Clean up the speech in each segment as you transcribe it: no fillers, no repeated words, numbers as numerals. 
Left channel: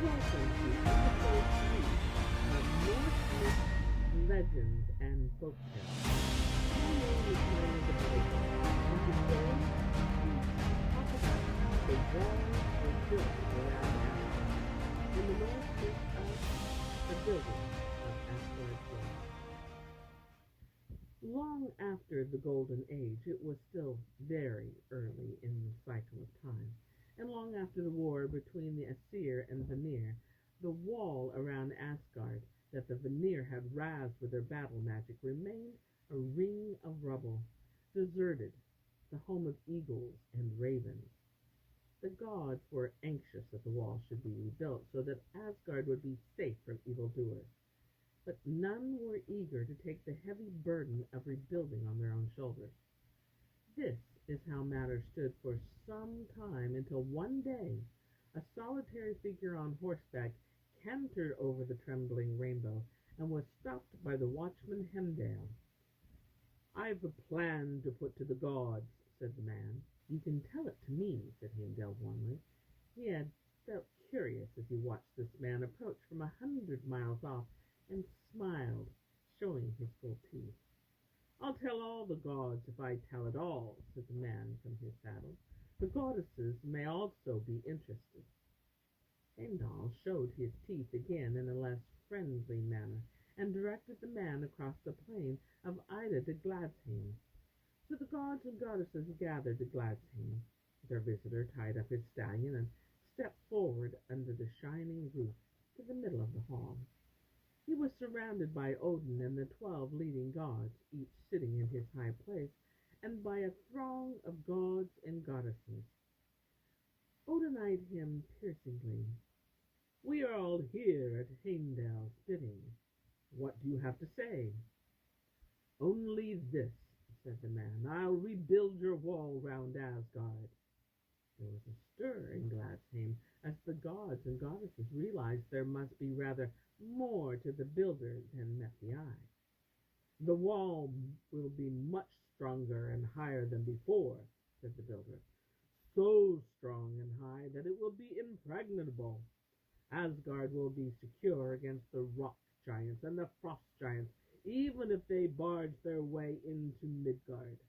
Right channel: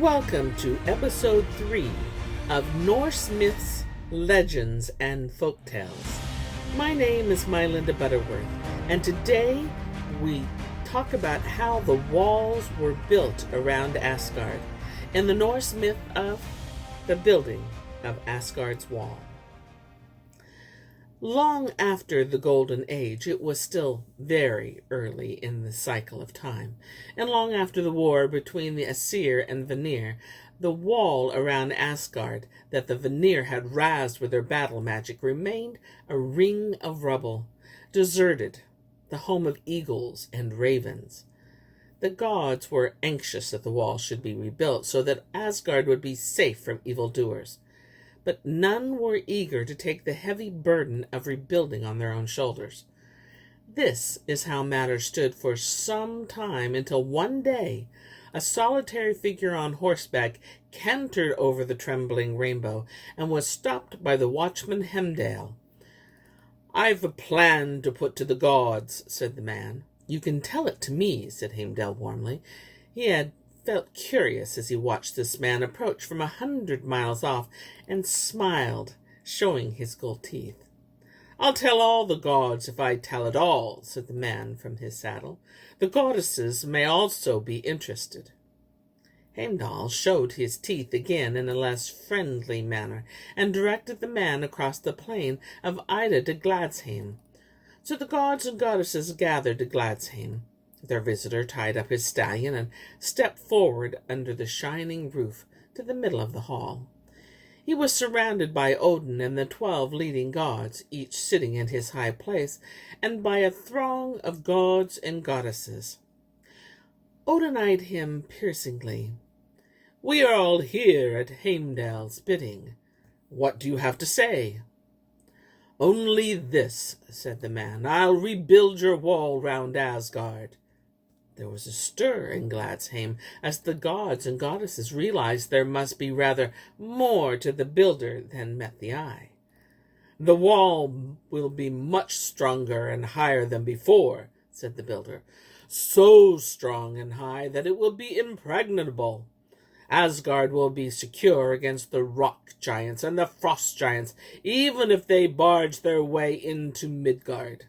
Welcome to episode 3 of Norse Myths, Legends, and Folktales. My name is MyLinda Butterworth, and today we talk about how the walls were built around Asgard in the Norse myth of the building of Asgard's wall. Long after the Golden Age, it was still very early in the cycle of time, and long after the war between the Aesir and Vanir, the wall around Asgard that the Vanir had razed with their battle magic remained a ring of rubble, deserted, the home of eagles and ravens. The gods were anxious that the wall should be rebuilt so that Asgard would be safe from evildoers. But none were eager to take the heavy burden of rebuilding on their own shoulders. This is how matters stood for some time until one day a solitary figure on horseback cantered over the trembling rainbow and was stopped by the watchman Heimdall. "I've a plan to put to the gods," said the man. "You can tell it to me," said Heimdall warmly. He had felt curious as he watched this man approach from 100 miles off and smiled, showing his gold teeth. "I'll tell all the gods if I tell it all," said the man from his saddle. "The goddesses may also be interested." Heimdall showed his teeth again in a less friendly manner and directed the man across the plain of Ida to Gladsheim. So the gods and goddesses gathered to Gladsheim. Their visitor tied up his stallion and stepped forward under the shining roof to the middle of the hall. He was surrounded by Odin and the 12 leading gods, each sitting in his high place, and by a throng of gods and goddesses. Odin eyed him piercingly. "We are all here at Heimdall's bidding. What do you have to say?" "Only this," said the man. "I'll rebuild your wall round Asgard." There was a stir in Gladsheim as the gods and goddesses realized there must be rather more to the builder than met the eye. "The wall will be much stronger and higher than before," said the builder. "So strong and high that it will be impregnable. Asgard will be secure against the rock giants and the frost giants, even if they barge their way into Midgard."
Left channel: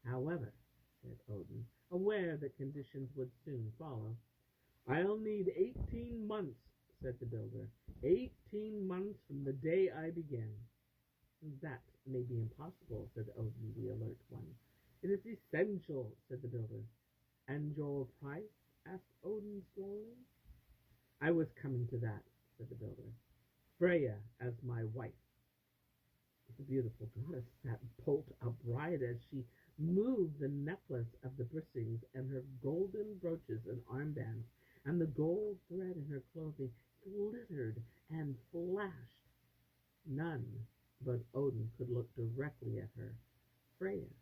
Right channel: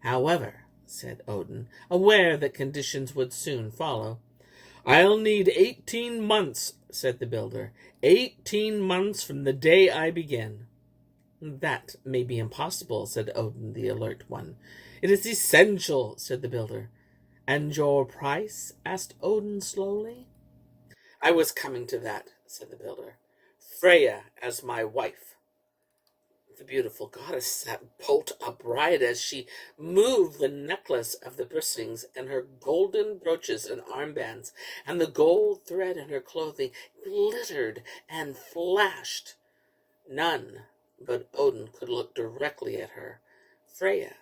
"However," said Odin, aware that conditions would soon follow. "I'll need 18 months, said the builder. 18 months from the day I begin." "That may be impossible," said Odin, the alert one. "It is essential," said the builder. "And your price?" asked Odin slowly. "I was coming to that," said the builder. "Freya as my wife." The beautiful goddess sat bolt upright as she moved the necklace of the bristings and her golden brooches and armbands, and the gold thread in her clothing glittered and flashed. None but Odin could look directly at her. Freya,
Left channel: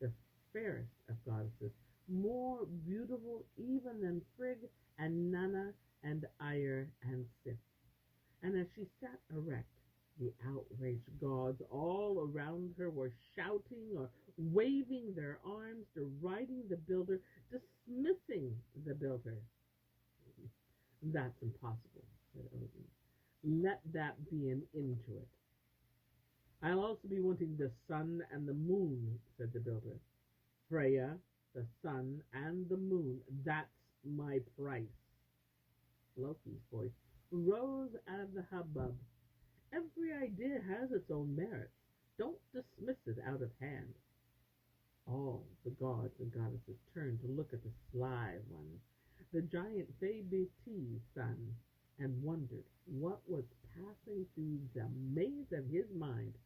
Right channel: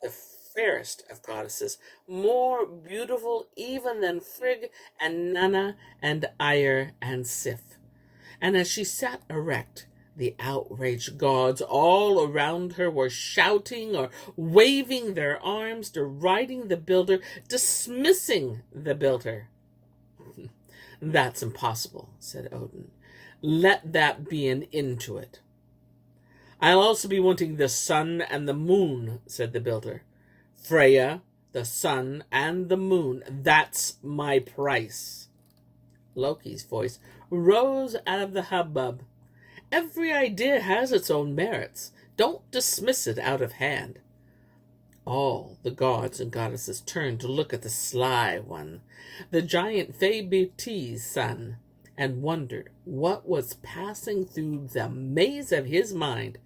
the fairest of goddesses, more beautiful even than Frigg and Nanna and Aesir and Sif. And as she sat erect, the outraged gods all around her were shouting or waving their arms, deriding the builder, dismissing the builder. "That's impossible," said Odin. "Let that be an end to it." "I'll also be wanting the sun and the moon," said the builder. "Freya, the sun, and the moon. That's my price." Loki's voice rose out of the hubbub. "Every idea has its own merits. Don't dismiss it out of hand." All the gods and goddesses turned to look at the sly one, the giant Fabiti's son, and wondered what was passing through the maze of his mind.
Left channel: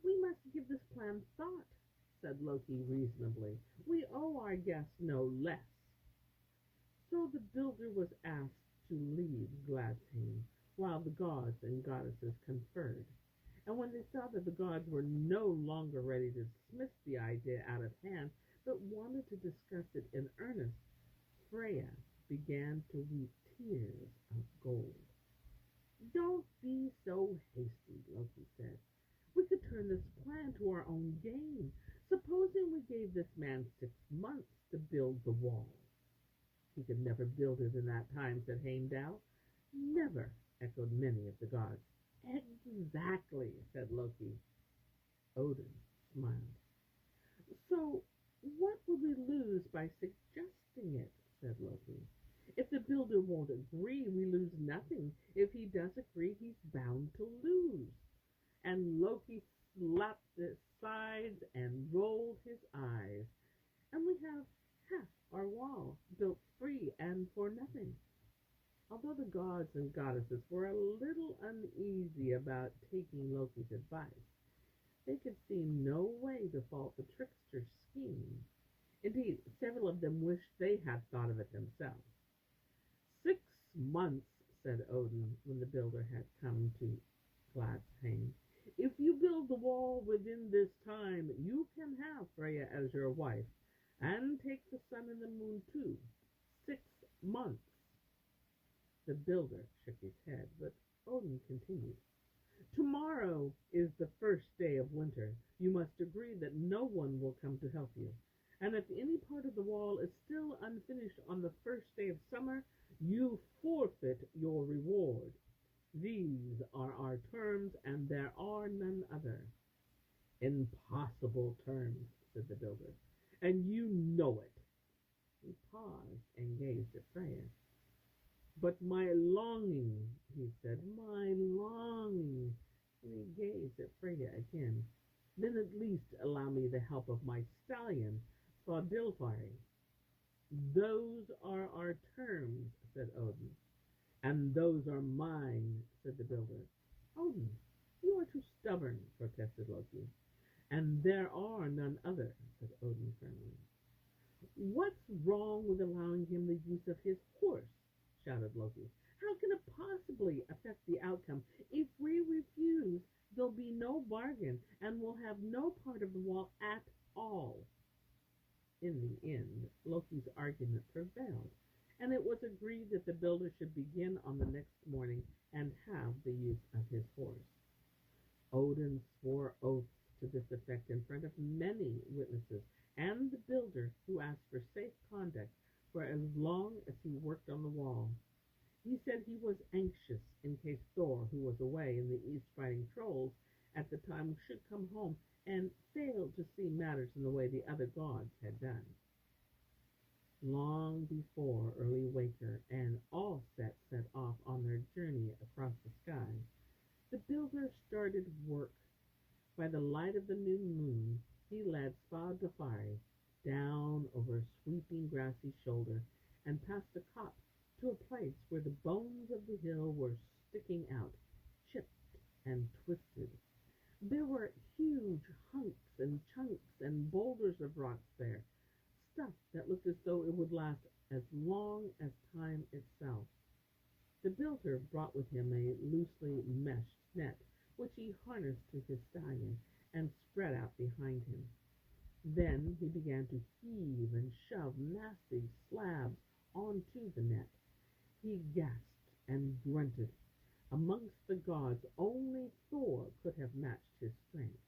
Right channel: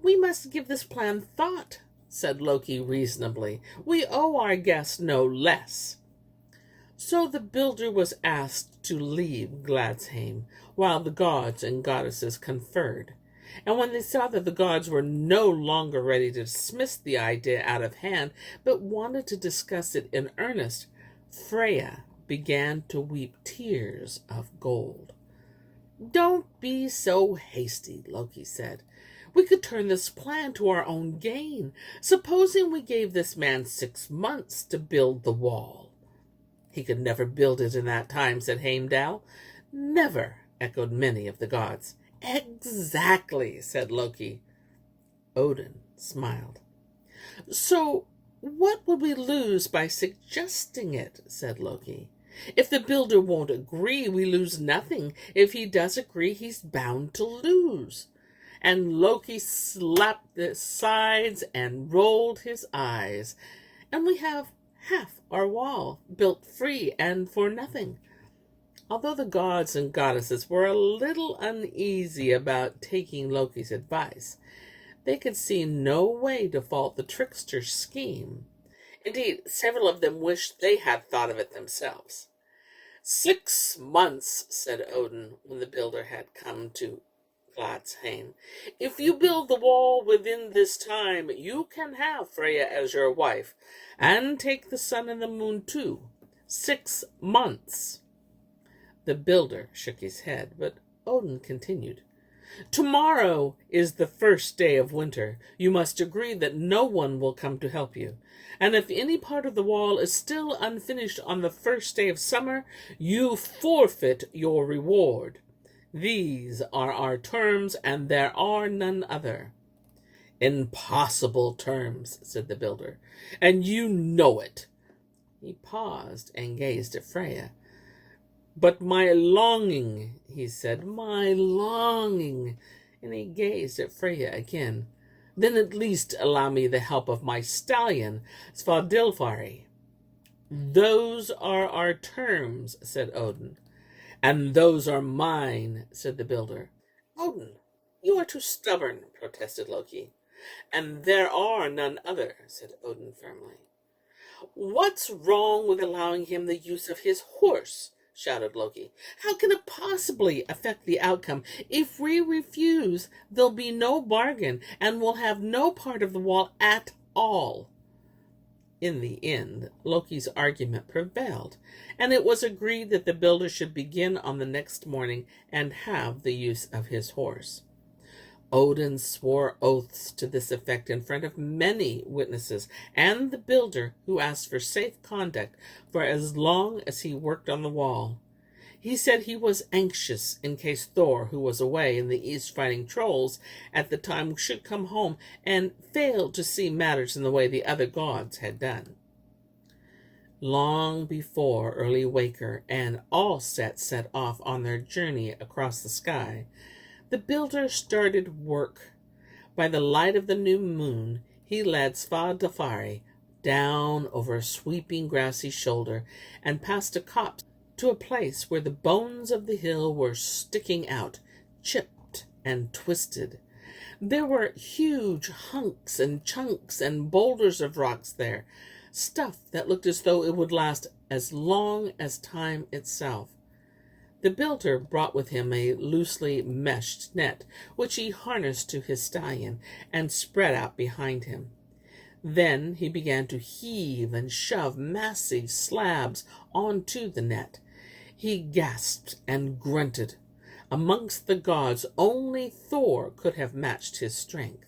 "We must give this plan thought," said Loki reasonably. "We owe our guest no less." So the builder was asked to leave Gladsheim, while the gods and goddesses conferred. And when they saw that the gods were no longer ready to dismiss the idea out of hand, but wanted to discuss it in earnest, Freya began to weep tears of gold. "Don't be so hasty," Loki said. "We could turn this plan to our own gain. Supposing we gave this man 6 months to build the wall." He could never build it in that time, said Heimdall. Never, echoed many of the gods. Exactly, said Loki. Odin smiled. So what would we lose by suggesting it, said Loki. If the builder won't agree, we lose nothing. If he does agree, he's bound to lose. And Loki slapped the sides and rolled his eyes. And we have half our wall built free and for nothing. Although the gods and goddesses were a little uneasy about taking Loki's advice, they could see no way to fault the trickster's scheme. Indeed, several of them wished they had thought of it themselves. 6 months, said Odin, when the builder had come to Gladsheim. If you build the wall within this time, you can have Freya as your wife, and take the sun and the moon too. 6 months. The builder shook his head, but Odin continued. Tomorrow is the first day of winter. You must agree that no one will come to help you. And if any part of the wall is still unfinished on the first day of summer, you forfeit your reward. These are our terms, and there are none other. Impossible terms, said the builder, and you know it. He paused and gazed at Freya. But my longing, he said, my longing, and he gazed at Freya again. Then at least allow me the help of my stallion, Svadilfari. Those are our terms, said Odin. And those are mine, said the builder. Odin, you are too stubborn, protested Loki. And there are none other, said Odin firmly. What's wrong with allowing him the use of his horse? Shouted Loki. How can it possibly affect the outcome? If we refuse, there'll be no bargain, and we'll have no part of the wall at all. In the end, Loki's argument prevailed, and it was agreed that the builder should begin on the next morning and have the use of his horse. Odin swore oaths to this effect in front of many witnesses, and the builder, who asked for safe conduct for as long as he worked on the wall. He said he was anxious in case Thor, who was away in the east fighting trolls at the time, should come home and fail to see matters in the way the other gods had done. Long before early waker and all set off on their journey across the sky, the builder started work. By the light of the new moon, he led Svadilfari down over a sweeping grassy shoulder and past a copse to a place where the bones of the hill were sticking out, chipped and twisted. There were huge hunks and chunks and boulders of rocks there, stuff that looked as though it would last as long as time itself. The builder brought with him a loosely meshed net, which he harnessed to his stallion and spread out behind him. Then he began to heave and shove massive slabs onto the net. He gasped and grunted. Amongst the gods, only Thor could have matched his strength.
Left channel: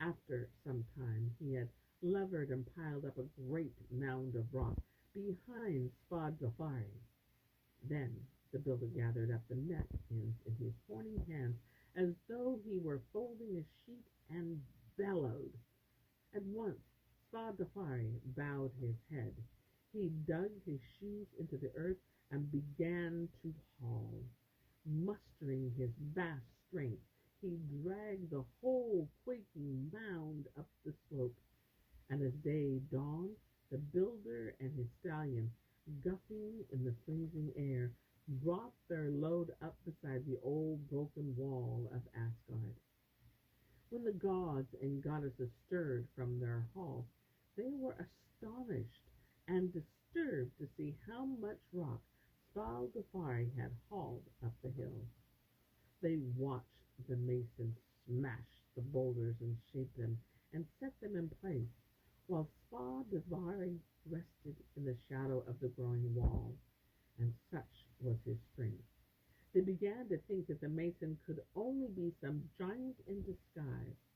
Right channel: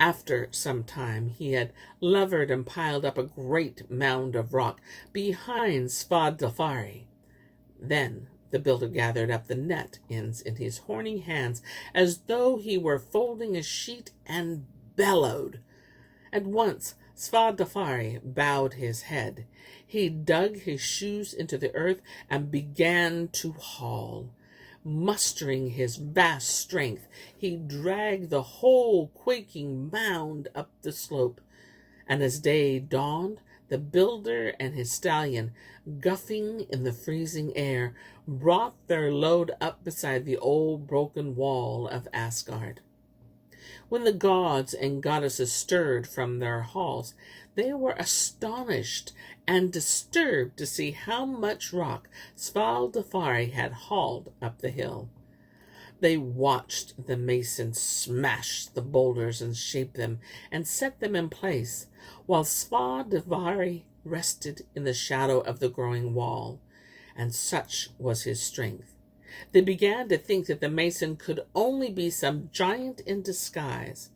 After some time, he had levered and piled up a great mound of rock behind Svadilfari. Then the builder gathered up the net ends in his horny hands as though he were folding a sheet and bellowed. At once Svadilfari bowed his head. He dug his shoes into the earth and began to haul. Mustering his vast strength, he dragged the whole quaking mound up the slope. And as day dawned, the builder and his stallion, guffing in the freezing air, brought their load up beside the old broken wall of Asgard. When the gods and goddesses stirred from their halls, they were astonished and disturbed to see how much rock Svadilfari had hauled up the hill. They watched the mason smash the boulders and shape them and set them in place, while Svadilfari rested in the shadow of the growing wall, and such was his strength. They began to think that the mason could only be some giant in disguise.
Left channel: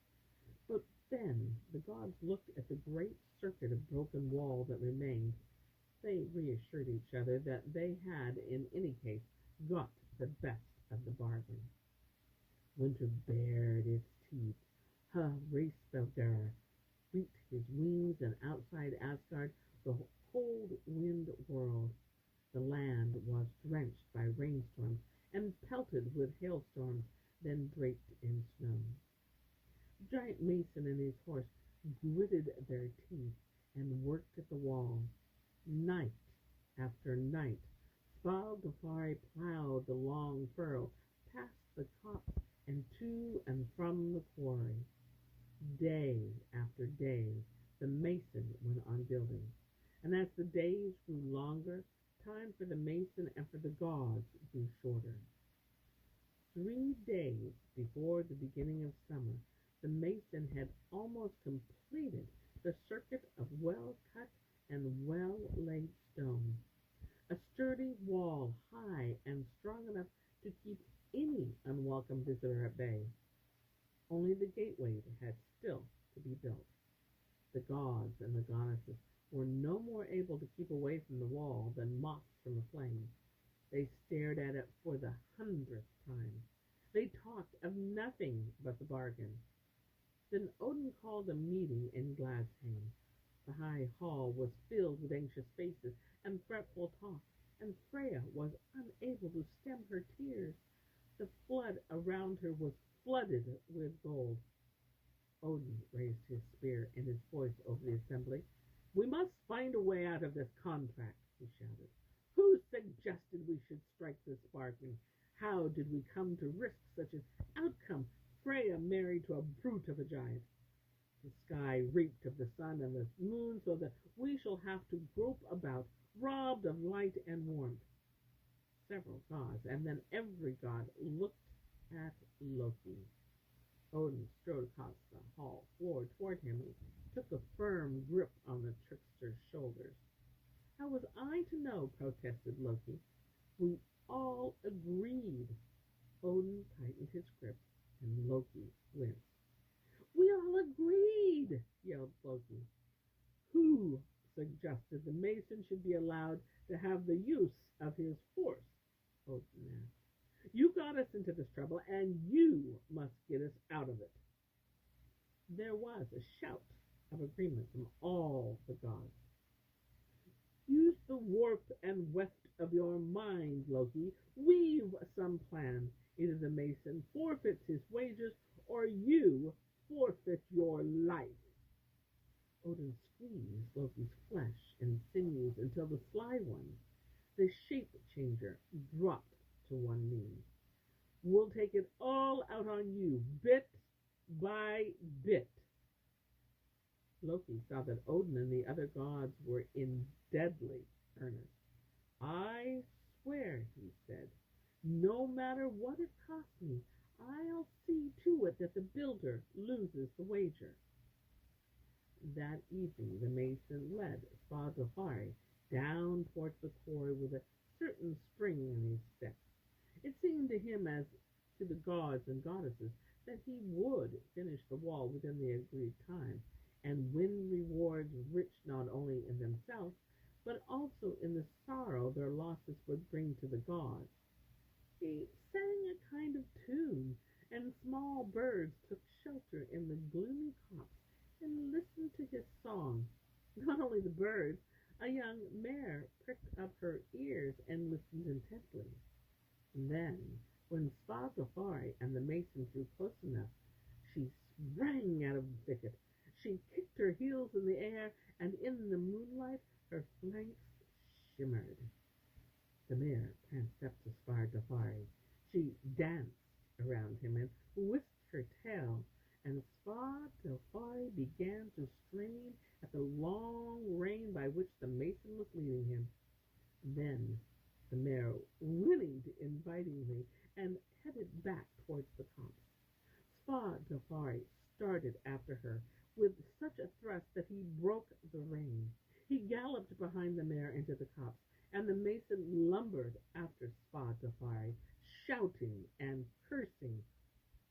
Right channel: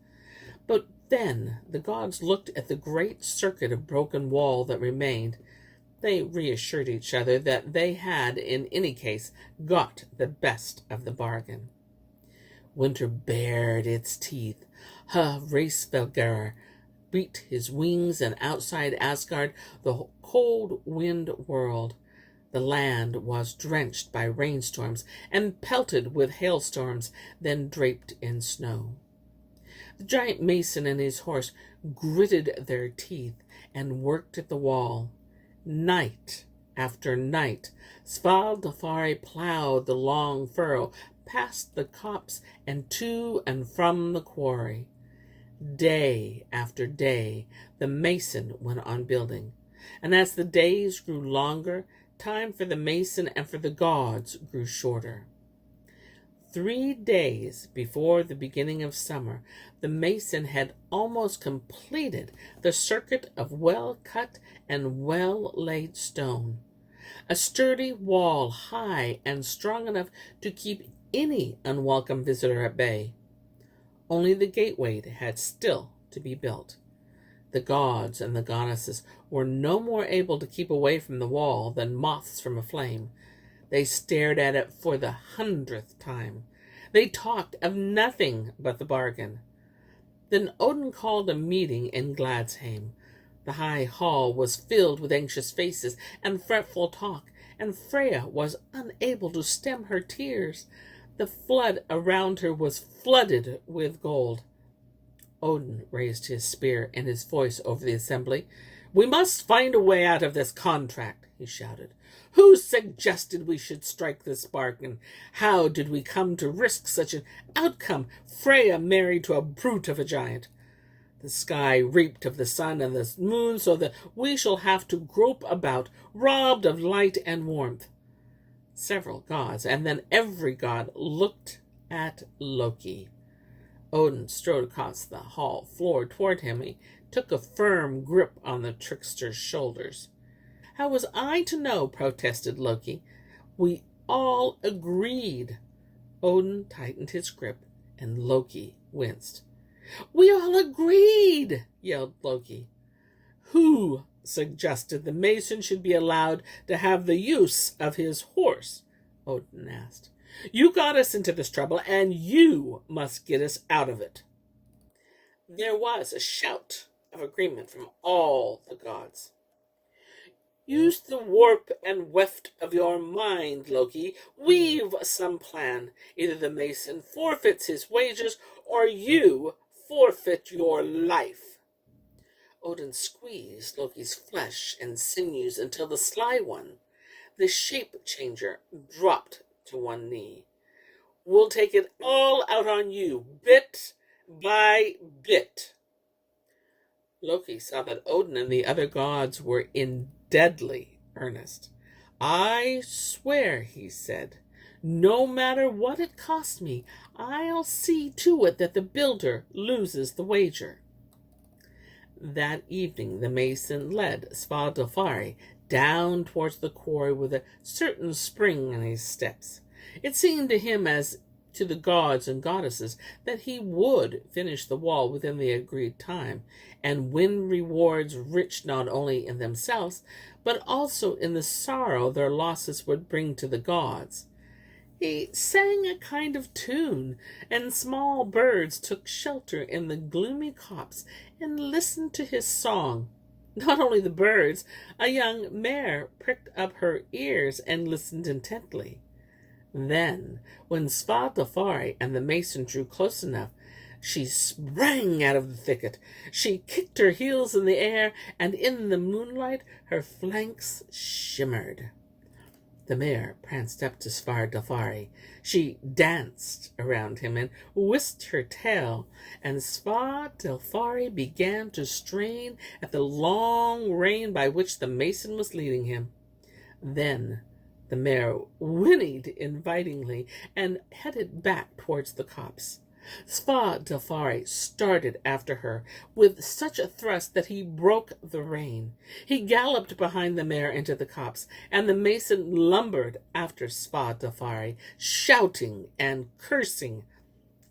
But then the gods looked at the great circuit of broken wall that remained, They reassured each other that they had, in any case, got the best of the bargain. Winter bared its teeth. Hreysvelgr beat his wings, and outside Asgard, the cold wind whirled. The land was drenched by rainstorms and pelted with hailstorms, then draped in snow. The giant mason and his horse gritted their teeth and worked at the wall. Night after night, Svadilfari plowed the long furrow past the copse and to and from the quarry. Day after day, the mason went on building, and as the days grew longer, time for the mason and for the gods grew shorter. 3 days before the beginning of summer, the mason had almost completed the circuit of well-cut and well-laid stone, a sturdy wall high and strong enough to keep any unwelcome visitor at bay. Only the gateway had still to be built. The gods and the goddesses were no more able to keep away from the wall than moths from a flame. They stared at it for the 100th time. They talked of nothing but the bargain. Then Odin called a meeting in Gladsheim. The high hall was filled with anxious faces and fretful talk, and Freya was unable to stem her tears. The flood around her was flooded with gold. Odin raised his spear and his voice over the assembly. "We must find a way out of this contract," he shouted. "Who suggested we should strike this bargain? How did we come to risk such an outcome? Freya married to a brute of a giant. The sky reaped of the sun and the moon, so that we shall have to grope about, robbed of light and warmth." Several gods, and then every god, looked at Loki. Odin strode across the hall floor toward him. He took a firm grip on the trickster's shoulders. "How was I to know?" protested Loki. "We all agreed." Odin tightened his grip, and Loki winced. "We all agreed!" yelled Loki. "Who suggested the mason should be allowed to have the use of his horse?" Odin asked. "You got us into this trouble, and you must get us out of it." There was a shout of agreement from all the gods. "Use the warp and weft of your mind, Loki. Weave some plan. Either the mason forfeits his wages, or you forfeit your life." Odin squeezed Loki's flesh and sinews until the sly one, the shape changer, dropped to one knee. "We'll take it all out on you, bit by bit." Loki saw that Odin and the other gods were in deadly earnest. "I swear," he said, "no matter what it costs me, I'll see to it that the builder loses the wager." That evening the mason led Svadilfari down towards the quarry with a certain spring in his steps. It seemed to him, as to the gods and goddesses, that he would finish the wall within the agreed time, and win rewards rich not only in themselves, but also in the sorrow their losses would bring to the gods. He sang a kind of tune, and small birds took shelter in the gloomy copse and listened to his song. Not only the birds, a young mare pricked up her ears and listened intently. Then, when Svadilfari and the mason drew close enough, she sprang out of the thicket. She kicked her heels in the air, and in the moonlight her flanks shimmered. The mare pranced up to Svadilfari. She danced around him and whisked her tail, and Svadilfari began to strain at the long rein by which the mason was leading him. Then the mare whinnied invitingly and headed back towards the copse. Svadilfari started after her with such a thrust that he broke the rein. He galloped behind the mare into the copse, and the mason lumbered after Svadilfari, shouting and cursing.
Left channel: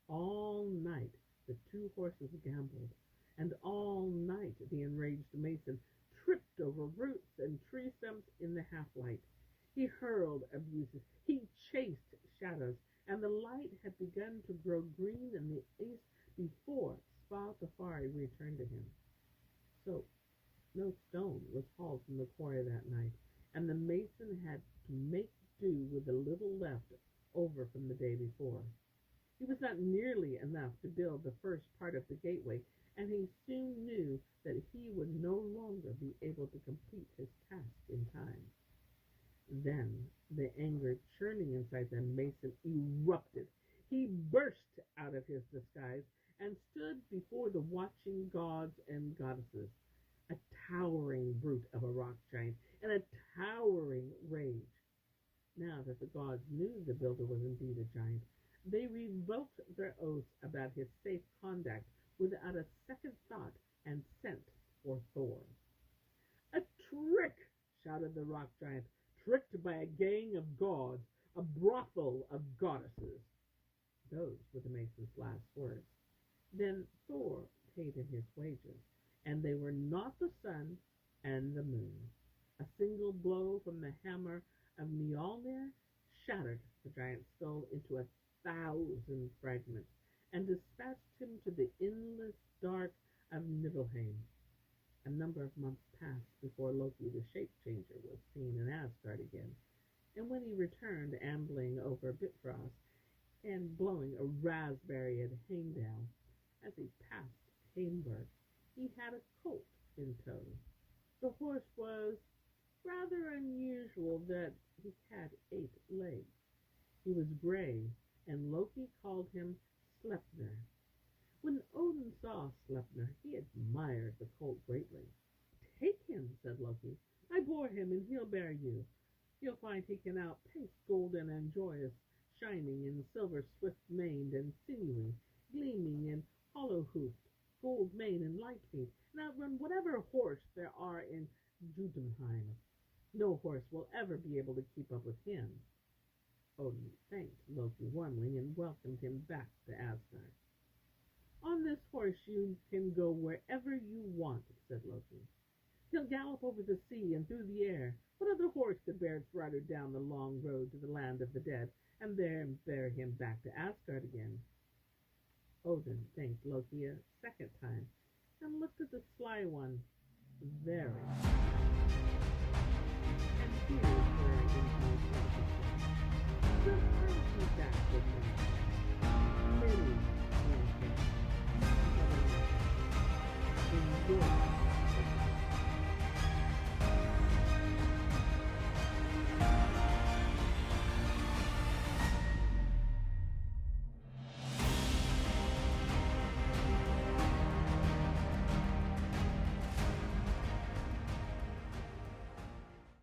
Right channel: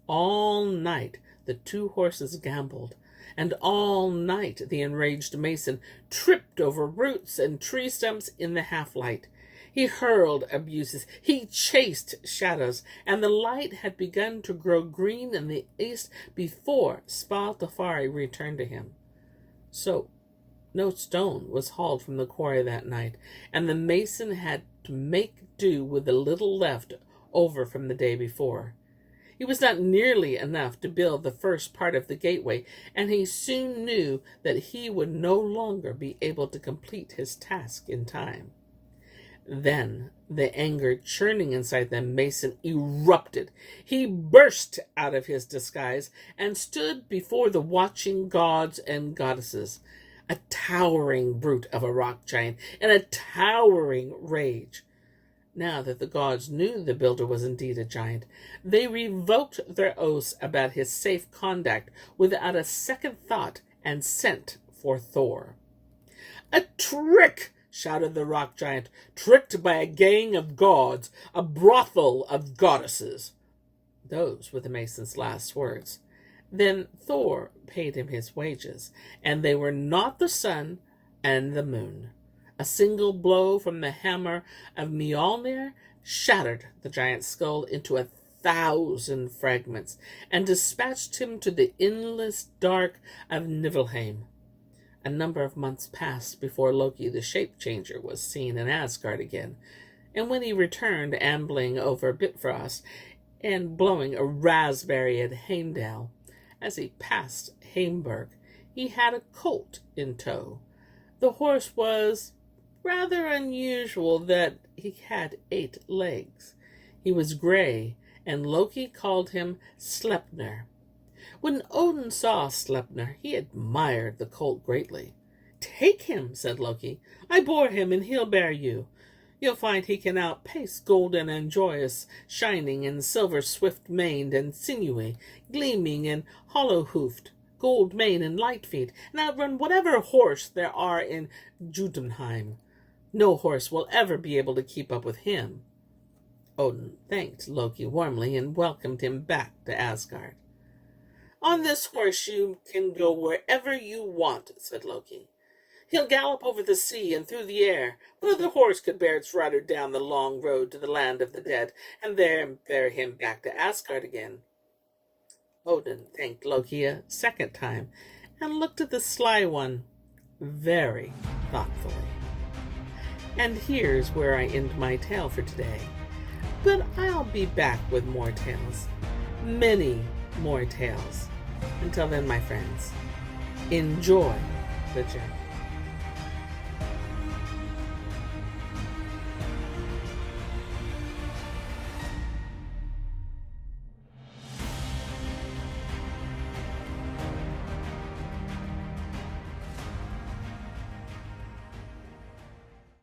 All night the two horses gambled, and all night the enraged mason tripped over roots and tree stumps in the half-light. He hurled abuses, he chased shadows, and the light had begun to grow green in the east before Svadilfari returned to him. So no stone was hauled from the quarry that night, and the mason had to make do with the little left over from the day before. It was not nearly enough to build the first part of the gateway, and he soon knew that he would no longer be able to complete his task in time. Then the anger churning inside the mason erupted. He burst out of his disguise and stood before the watching gods and goddesses, a towering brute of a rock giant in a towering rage. Now that the gods knew the builder was indeed a giant, they revoked their oaths about his safe conduct without a second thought and sent for Thor. "A trick!" shouted the rock giant. "Tricked by a gang of gods, a brothel of goddesses." Those were the mason's last words. Then Thor paid him his wages, and they were not the sun and the moon. A single blow from the hammer of Mjolnir shattered the giant's skull into 1,000 fragments and dispatched him to the endless dark of Niflheim. A number of months passed before Loki the shape-changer was seen in Asgard again, and when he returned ambling over Bifrost and blowing a raspberry at Heimdall, as he passed Heimburg, he had a colt in tow. The horse was rather unusual that he had 8 legs. He was gray, and Loki called him Sleipnir. When Odin saw Sleipnir, he admired the colt greatly. "Take him," said Loki. "I bore him, and he'll bear you. You'll find he can outpace Golden and Joyous, Shining and Silver, Swift-maned and Sinewy, Gleaming and Hollow-hoofed, Gold-maned and Light-feet, and outrun whatever horse there are in Jotunheim. No horse will ever be able to keep up with him." Odin thanked Loki warmly and welcomed him back to Asgard. "On this horse you can go wherever you want," said Loki. "He'll gallop over the sea and through the air. What other horse could bear its rider down the long road to the land of the dead, and there bear him back to Asgard again?" Odin thanked Loki a second time and looked at the sly one very thoughtfully. And here's where I end my tale for today. But I'll be back with more tales. Many more tales. Until then, my friends, enjoy the journey.